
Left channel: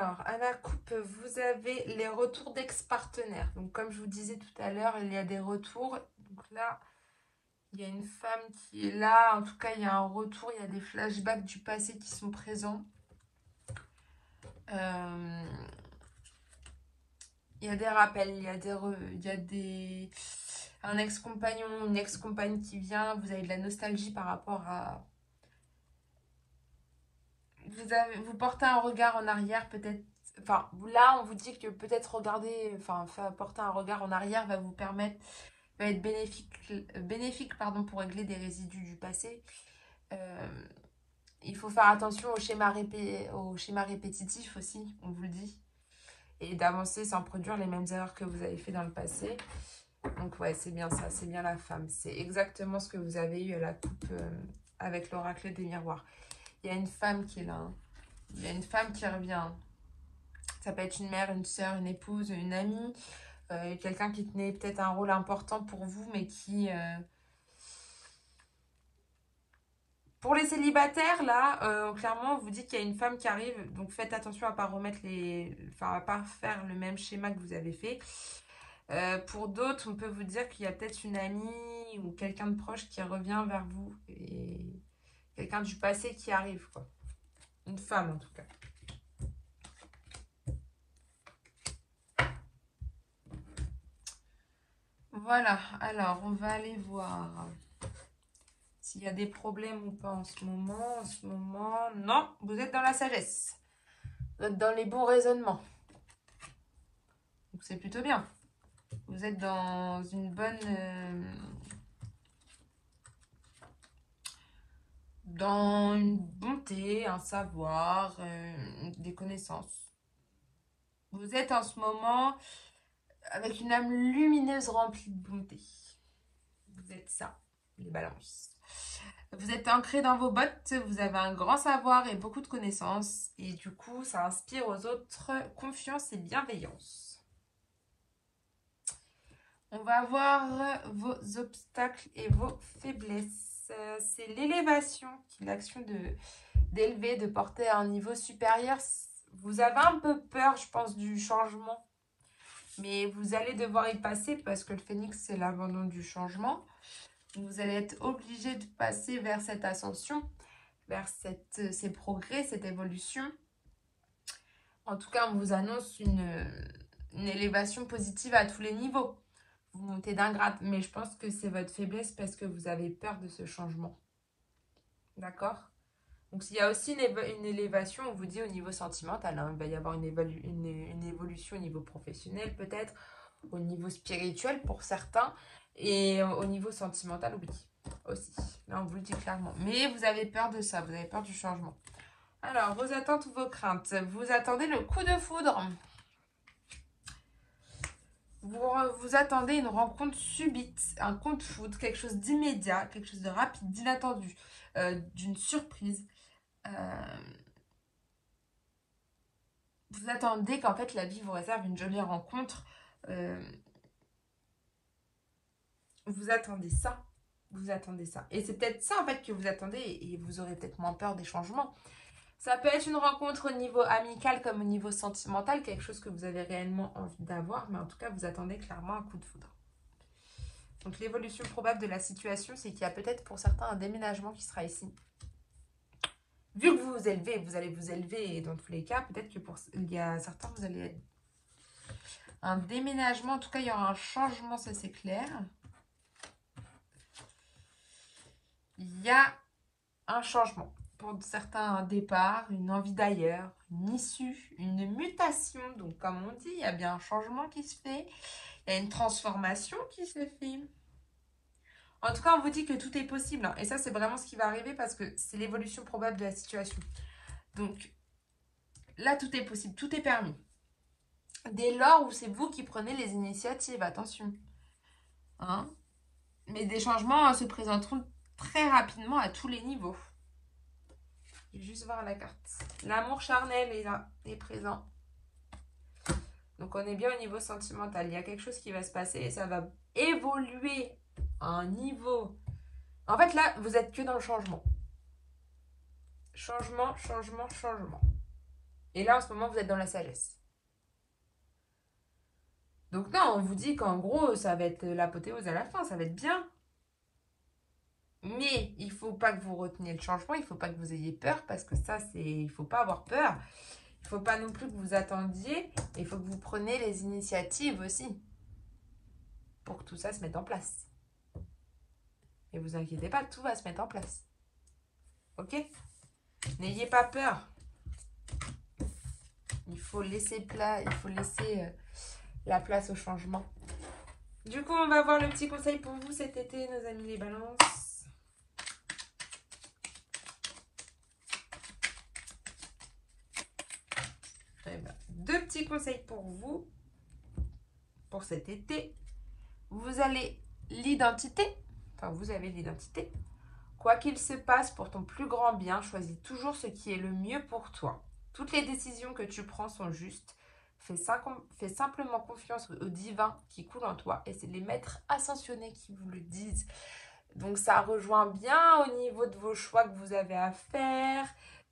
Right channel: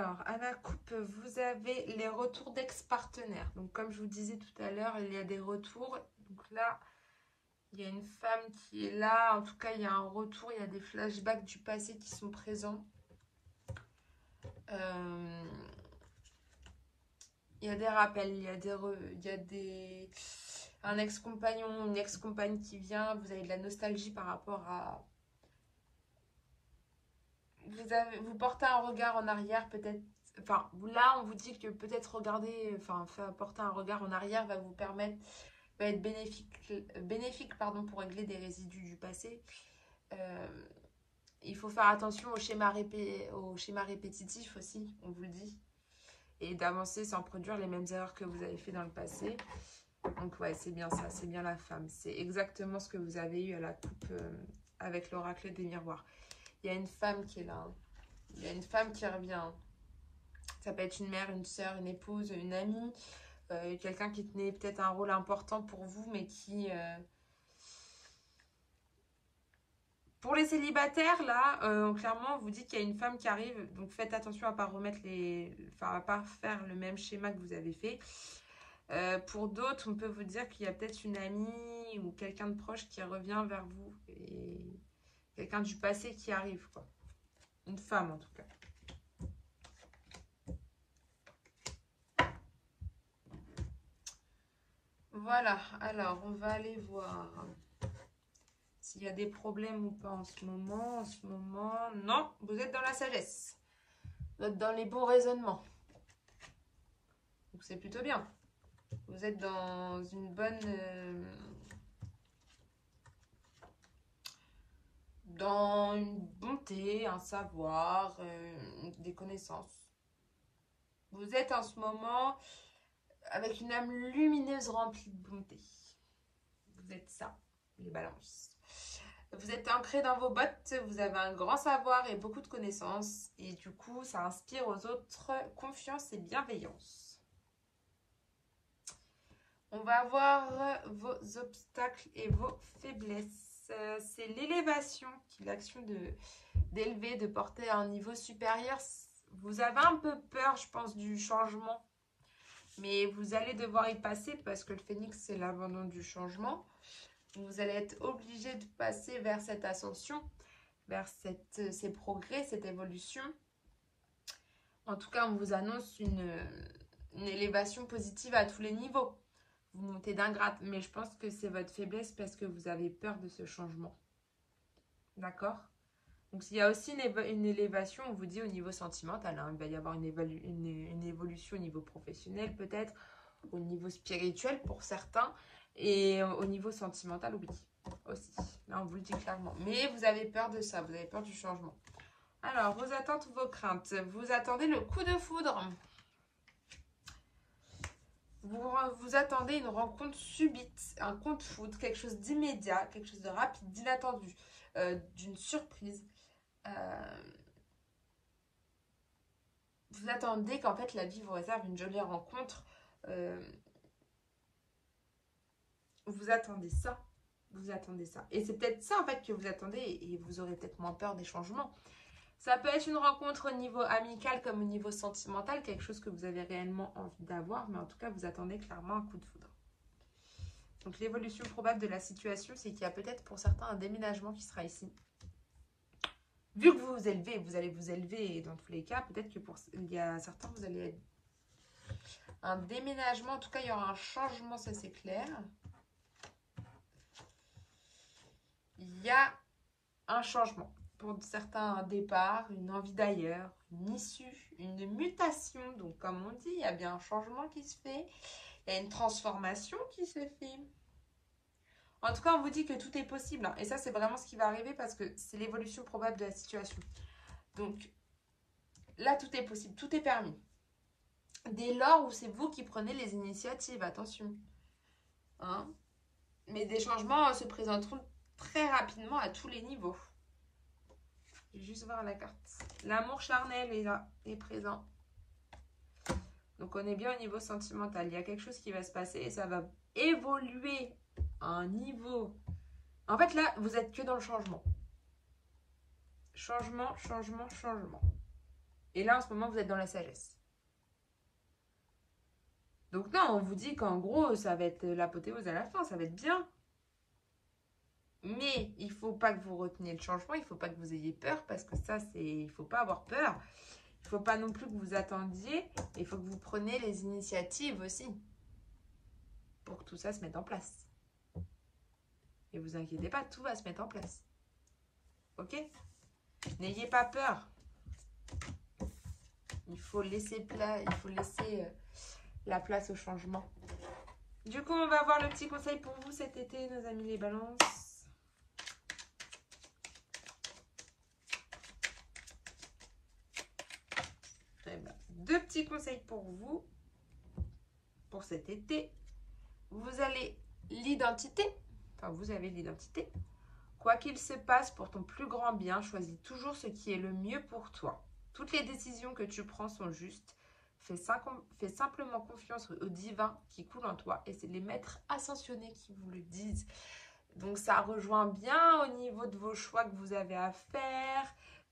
Alors, à la coupe, vous avez les retours d'ex-partenaires. Donc, comme je vous disais tout à l'heure, il y a des retours. Donc là, il y a une femme qui est là. En tout cas, il y a un retour. Il y a des flashbacks du passé qui sont présents. Il y a des rappels. Il y a un ex-compagnon, une ex-compagne qui vient. Vous avez de la nostalgie par rapport à... Vous portez un regard en arrière, peut-être. Enfin, là, on vous dit que peut-être regarder, enfin, porter un regard en arrière va vous permettre, va être bénéfique pardon, pour régler des résidus du passé. Il faut faire attention au schéma répétitif aussi, on vous le dit. Et d'avancer sans produire les mêmes erreurs que vous avez fait dans le passé. Donc, ouais, c'est bien ça, c'est bien la femme. C'est exactement ce que vous avez eu à la coupe avec l'oracle des miroirs. Il y a une femme qui est là. Il y a une femme qui revient. Ça peut être une mère, une soeur, une épouse, une amie. Quelqu'un qui tenait peut-être un rôle important pour vous, mais qui... Pour les célibataires, là, clairement, on vous dit qu'il y a une femme qui arrive. Donc, faites attention à ne pas remettre Enfin, à pas faire le même schéma que vous avez fait. Pour d'autres, on peut vous dire qu'il y a peut-être une amie ou quelqu'un de proche qui revient vers vous. Et quelqu'un du passé qui arrive, quoi. Une femme, en tout cas. Voilà, alors on va aller voir s'il y a des problèmes ou pas en ce moment. En ce moment, non, vous êtes dans la sagesse. Vous êtes dans les bons raisonnements. Donc c'est plutôt bien. Vous êtes dans une bonne... dans une bonté, un savoir, des connaissances. Vous êtes en ce moment avec une âme lumineuse remplie de bonté. Vous êtes ça, une balance. Vous êtes ancré dans vos bottes, vous avez un grand savoir et beaucoup de connaissances. Et du coup, ça inspire aux autres confiance et bienveillance. On va voir vos obstacles et vos faiblesses. C'est l'élévation, qui est l'action d'élever, de porter à un niveau supérieur. Vous avez un peu peur, je pense, du changement. Mais vous allez devoir y passer parce que le phénix, c'est l'abandon du changement. Vous allez être obligé de passer vers cette ascension, vers ces progrès, cette évolution. En tout cas, on vous annonce une élévation positive à tous les niveaux. Vous montez d'un grade, mais je pense que c'est votre faiblesse parce que vous avez peur de ce changement. D'accord? Donc, il y a aussi une élévation, on vous dit, au niveau sentimental. Hein. Il va y avoir une évolution au niveau professionnel, peut-être, au niveau spirituel pour certains. Et au niveau sentimental, oui, aussi. Là, on vous le dit clairement. Mais vous avez peur de ça, vous avez peur du changement. Alors, vos attentes ou vos craintes. Vous attendez le coup de foudre. Vous attendez une rencontre subite, un coup de foudre, quelque chose d'immédiat, quelque chose de rapide, d'inattendu, d'une surprise. Vous attendez qu'en fait la vie vous réserve une jolie rencontre. Vous attendez ça. Vous attendez ça. Et c'est peut-être ça en fait que vous attendez et vous aurez peut-être moins peur des changements. Ça peut être une rencontre au niveau amical comme au niveau sentimental, quelque chose que vous avez réellement envie d'avoir, mais en tout cas, vous attendez clairement un coup de foudre. Donc, l'évolution probable de la situation, c'est qu'il y a peut-être pour certains un déménagement qui sera ici. Vu que vous vous élevez, vous allez vous élever, et dans tous les cas, peut-être que il y a certains, vous allez être un déménagement, en tout cas, il y aura un changement, ça c'est clair. Il y a un changement. Pour certains, un départ, une envie d'ailleurs, une issue, une mutation. Donc, comme on dit, il y a bien un changement qui se fait. Il y a une transformation qui se fait. En tout cas, on vous dit que tout est possible. Hein. Et ça, c'est vraiment ce qui va arriver parce que c'est l'évolution probable de la situation. Donc, là, tout est possible. Tout est permis. Dès lors où c'est vous qui prenez les initiatives. Attention. Hein? Mais des changements se présenteront très rapidement à tous les niveaux. Je vais juste voir la carte. L'amour charnel est présent. Donc, on est bien au niveau sentimental. Il y a quelque chose qui va se passer et ça va évoluer à un niveau. En fait, là, vous êtes que dans le changement. Changement, changement, changement. Et là, en ce moment, vous êtes dans la sagesse. Donc non, on vous dit qu'en gros, ça va être l'apothéose à la fin, ça va être bien. Mais il ne faut pas que vous reteniez le changement, il ne faut pas que vous ayez peur, parce que ça, c'est, il ne faut pas avoir peur. Il ne faut pas non plus que vous attendiez, il faut que vous preniez les initiatives aussi, pour que tout ça se mette en place. Et vous inquiétez pas, tout va se mettre en place. Ok? N'ayez pas peur. Il faut laisser la place au changement. Du coup, on va voir le petit conseil pour vous cet été, nos amis les balances. Deux petits conseils pour vous, pour cet été. Vous avez l'identité. Quoi qu'il se passe pour ton plus grand bien, choisis toujours ce qui est le mieux pour toi. Toutes les décisions que tu prends sont justes. Fais simplement confiance au divin qui coule en toi. Et c'est les maîtres ascensionnés qui vous le disent. Donc ça rejoint bien au niveau de vos choix que vous avez à faire,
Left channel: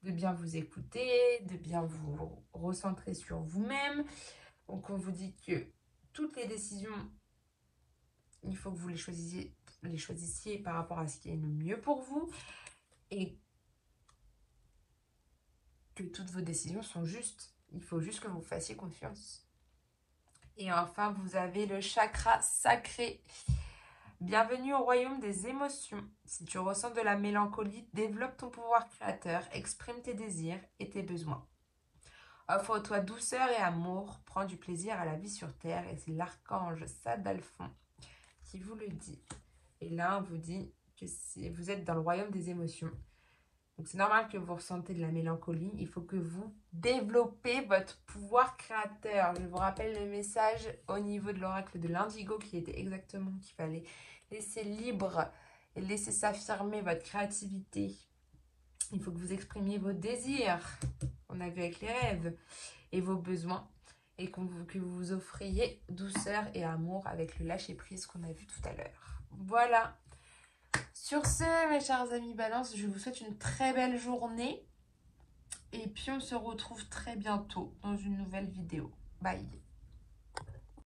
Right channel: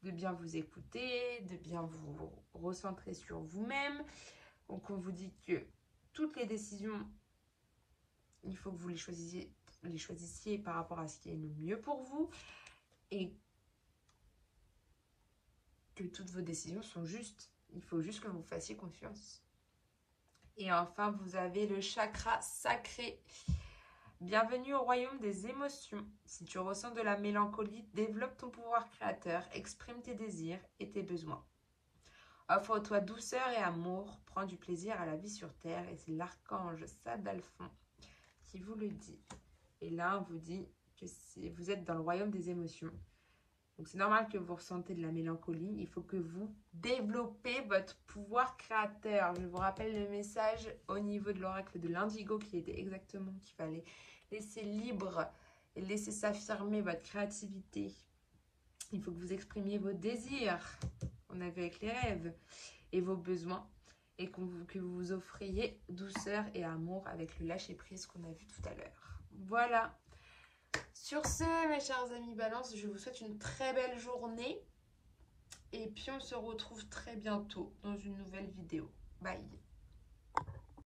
de bien vous écouter, de bien vous recentrer sur vous-même. Donc on vous dit que toutes les décisions, il faut que vous les choisissiez par rapport à ce qui est le mieux pour vous. Et que toutes vos décisions sont justes. Il faut juste que vous fassiez confiance. Et enfin, vous avez le chakra sacré. Bienvenue au royaume des émotions. Si tu ressens de la mélancolie, développe ton pouvoir créateur, exprime tes désirs et tes besoins. Offre-toi douceur et amour, prends du plaisir à la vie sur terre. Et c'est l'archange Sadalphon qui vous le dit. Et là, on vous dit que vous êtes dans le royaume des émotions. Donc c'est normal que vous ressentez de la mélancolie. Il faut que vous développez votre pouvoir créateur. Je vous rappelle le message au niveau de l'oracle de l'Indigo qui était exactement qu'il fallait laisser libre et laisser s'affirmer votre créativité. Il faut que vous exprimiez vos désirs, on a vu avec les rêves, et vos besoins. Et que vous offriez douceur et amour avec le lâcher-prise qu'on a vu tout à l'heure. Voilà. Sur ce, mes chers amis Balance, je vous souhaite une très belle journée. Et puis, on se retrouve très bientôt dans une nouvelle vidéo. Bye!